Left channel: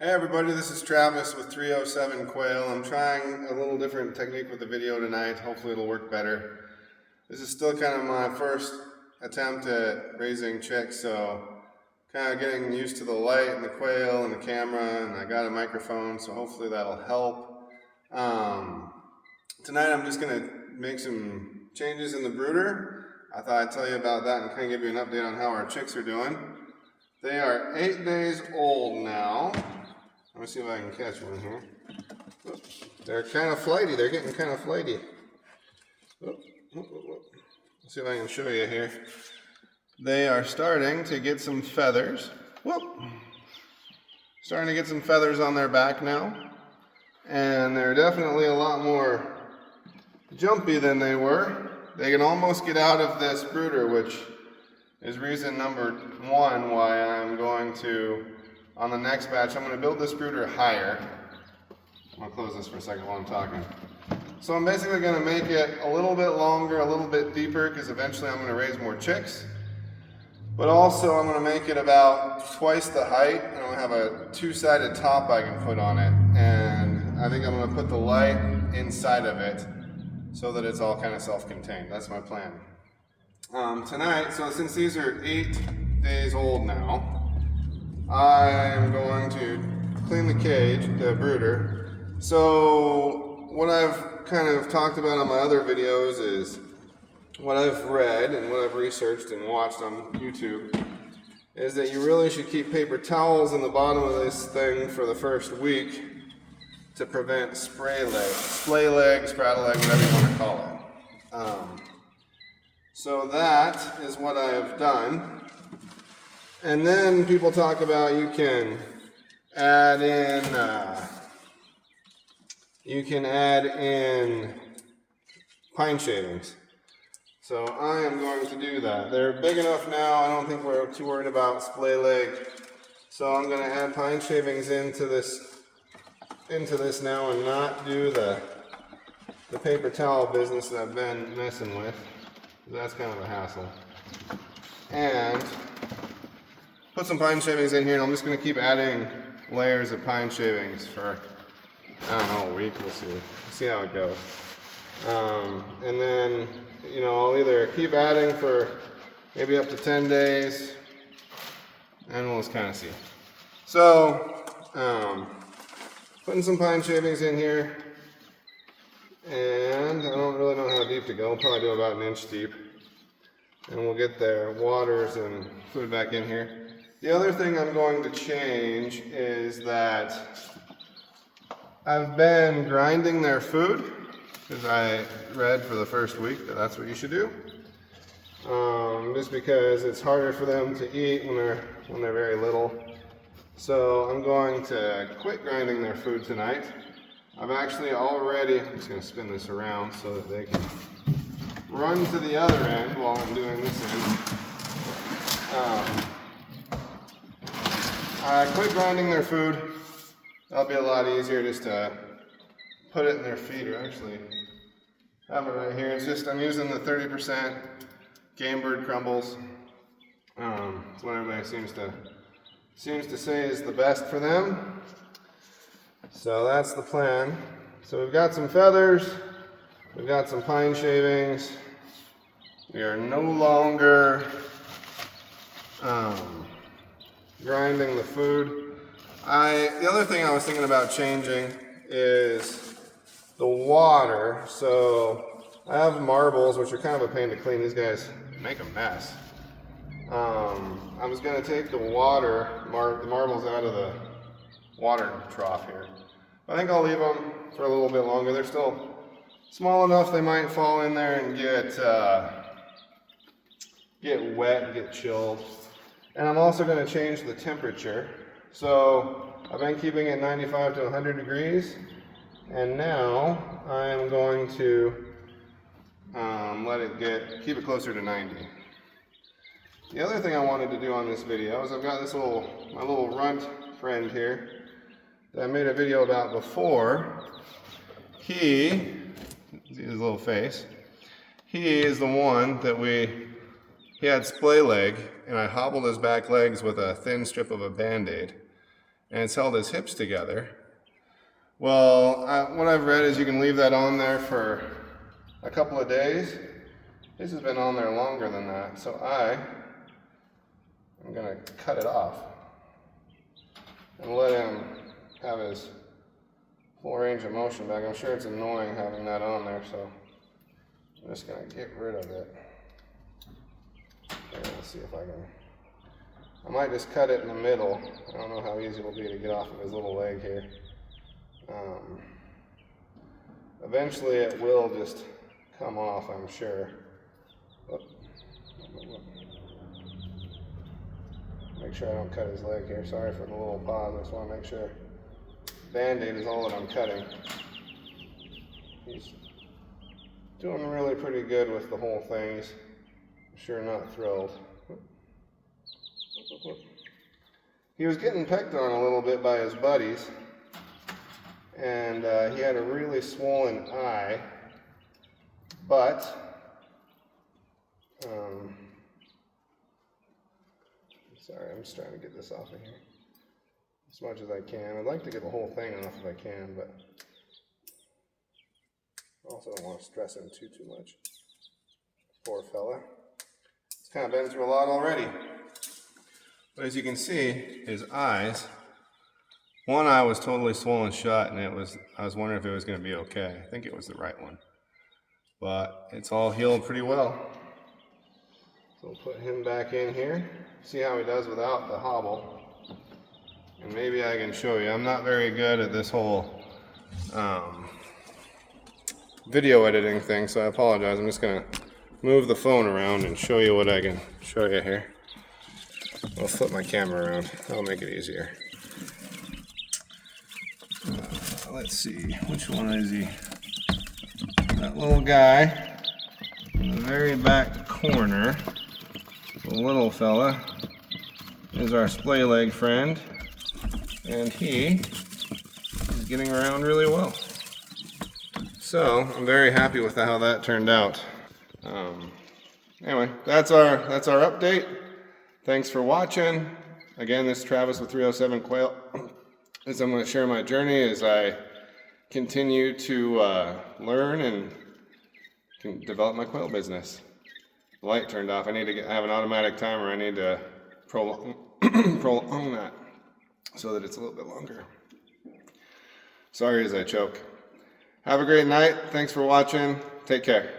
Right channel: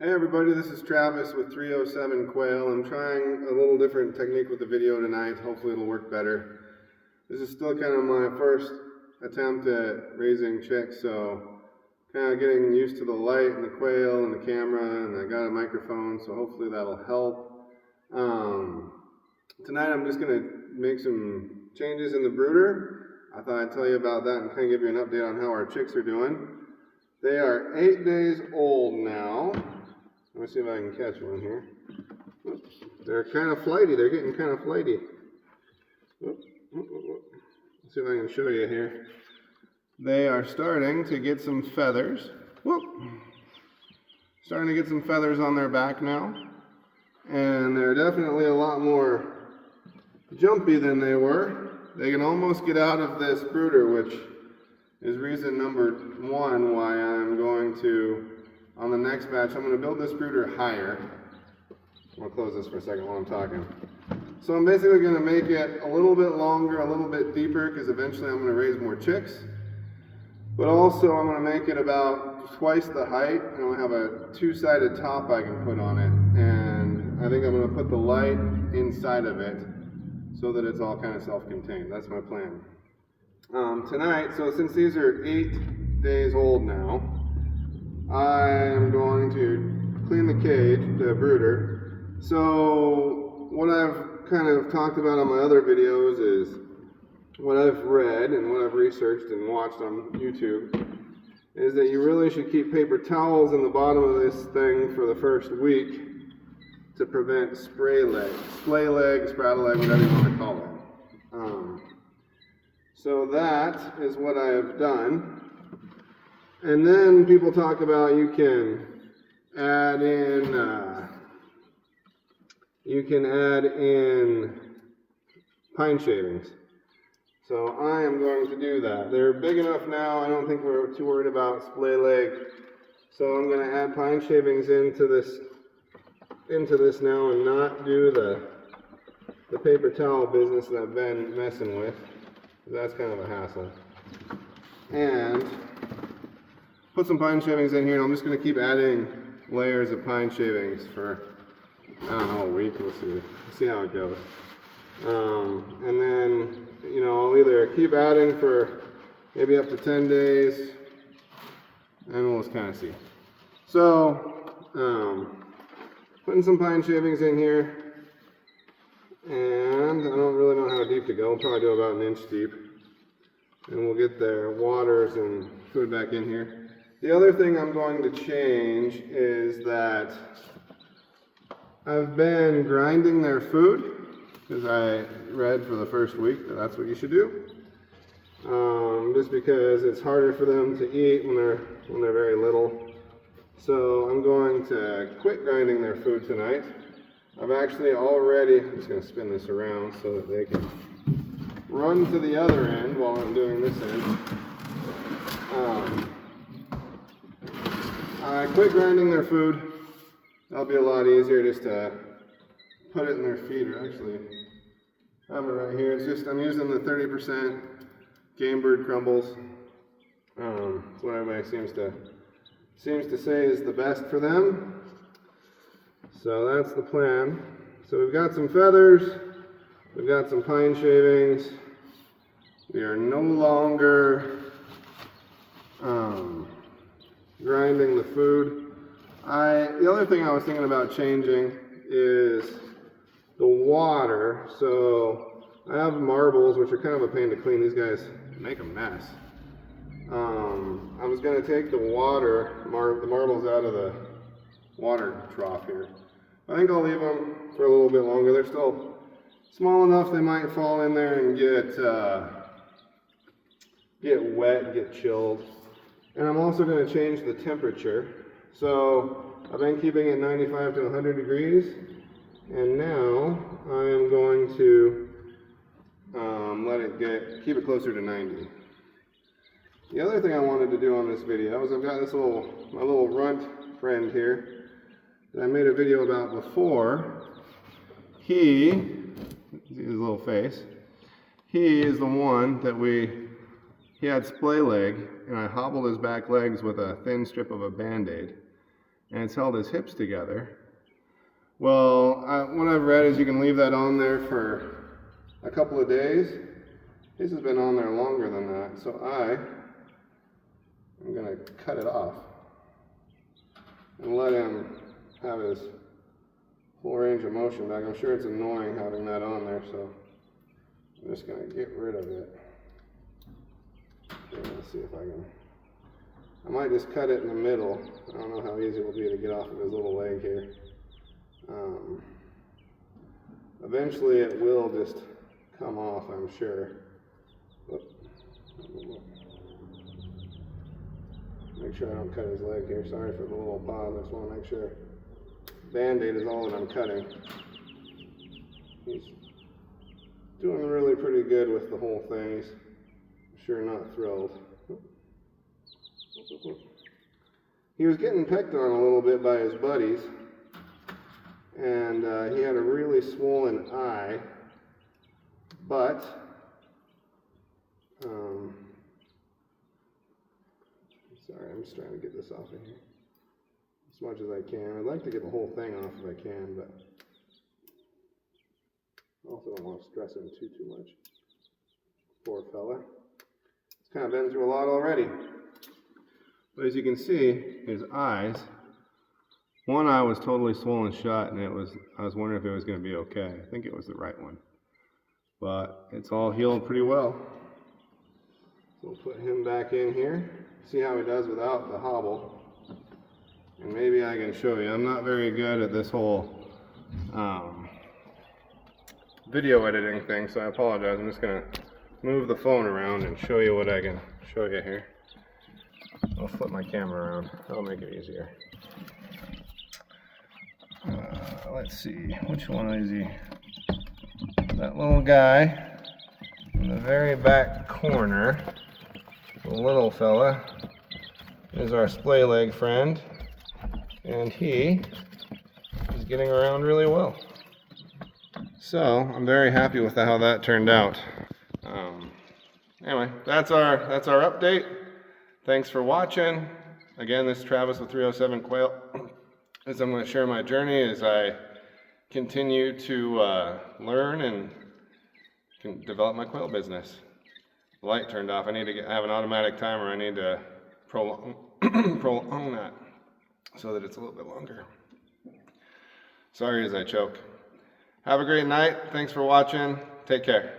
Hey everybody, this is Travis with 307 Quail. I'm trying a little different technique with the video tonight. Hopefully it'll work better. This is still kind of my first attempt at raising chicks, so kind of getting used to the light and the quail and the camera, and I got a microphone, so hopefully that'll help. Tonight I'm just going to make some changes in the brooder. I thought I'd tell you about that and kind of give you an update on how our chicks are doing. They are 8 days old now. Let me see if I can catch one here. Oops. They're kind of flighty. They're getting kind of flighty. Let's see if I can show you here. They are starting to get some feathers. Whoop. Starting to get some feathers on their back now. And they're definitely a lot more jumpy than they were. They can almost get out of this brooder, which is reason number one why I'm going to, on the next batch, I'm going to build this brooder higher. I'll close this for a second while I'm talking. So I'm basically going to make it a little bit longer, a little bit deeper, because eventually I'm going to raise more chicks. But also I'm going to make it about twice the height, and I'm going to have a two-sided top I can put on it. And I think I'm going to put the light inside of it so that it's all kind of self-contained. That's my plan. Tonight, so since these are 8 days old now, I'm going to clean the cage, the brooder. So what I've kind of talked about on my other videos is what I've read and what I've researched and watched on YouTube is that you really should keep paper towels in the bottom of this thing for the first week to prevent splay leg, spraddle leg, whatever you want to call it. So that is what I've done. And then people talk about you can add in pine shavings. So I am going to do that. They're big enough now. I don't think we're too worried about splay leg. So I'm going to add pine shavings into this now and not do the paper towel business that I've been messing with. That's kind of a hassle. And put some pine shavings in here, and I'm just going to keep adding layers of pine shavings for, I don't know, a week. We'll see how it goes. And then, I'll either keep adding for maybe up to 10 days, and we'll just kind of see. So, putting some pine shavings in here, and I don't really know how deep to go. I'll probably do about 1 inch deep, and we'll get their waters and food back in here. The other thing I'm going to change is that I've been grinding their food, because I read for the first week that that's what you should do. Just because it's harder for them to eat when they're very little. So I'm going to quit grinding their food tonight. I've actually already, I'm just going to spin this around so that they can run to the other end while I'm doing this end. I quit grinding their food. That'll be a lot easier just to put it in their feed. I actually have it right here. It's just, I'm using the 30% Game Bird crumbles. It's what everybody seems to say is the best for them. So that's the plan. So we've got some feathers. We've got some pine shavings. We are no longer grinding the food. The other thing I was thinking about changing is the water. So I have marbles, which are kind of a pain to clean. These guys make a mess. I was going to take the marbles out of the water trough here. I think I'll leave them for a little bit longer. They're still small enough they might fall in there and get wet, get chilled. And I'm also going to change the temperature. So I've been keeping it 95 to 100 degrees, and now I'm going to keep it closer to 90. The other thing I wanted to do on this video is I've got my little runt friend here that I made a video about before. His little face. He is the one that he had splay leg, and I hobbled his back legs with a thin strip of a Band-Aid. and it's held his hips together. Well, what I've read is you can leave that on there for a couple of days. His has been on there longer than that, so I'm going to cut it off and let him have his full range of motion back. I'm sure it's annoying having that on there, so I'm just going to get rid of it. Let's see if I might just cut it in the middle. I don't know how easy it will be to get off of his little leg here. Eventually it will just come off, I'm sure. Make sure I don't cut his leg here. Sorry for the little pause. I just want to make sure. Band-Aid is all that I'm cutting. He's doing really pretty good with the whole thing. He's sure not thrilled. He was getting pecked on a little bit by his buddies, and he had a really swollen eye, but sorry, I'm just trying to get this off of here as much as I can. I'd like to get the whole thing off if I can, but I also don't want to stress him too much. Poor fella. It's kind of been through a lot already. But as you can see, his eyes, one eye was totally swollen shut, and I was wondering if it was going to be okay. I think it was the right one. But it's all healed pretty well. So we'll put him back in here, see how he does without the hobble. And maybe I can show you. I'm not very good at this whole video editing thing, so I apologize. I'm just going to move the phone around and show you what I can show you here. I'll flip my camera around. That'll make it easier. Let's see, which one is he? That little guy in the very back corner, the little fella, is our splay leg friend, and he is getting around really well. So I'm very happy with how that turned out. Anyway, that's our update. Thanks for watching. Again, this is Travis with 307 Quail. As I'm going to share my journey as I continue to learn and can develop my quail business. The light turned off. I need to have an automatic timer. I need to prolong that so that it's a little bit longer. Sorry as I choke. Have a great night. Thanks for watching. Take care.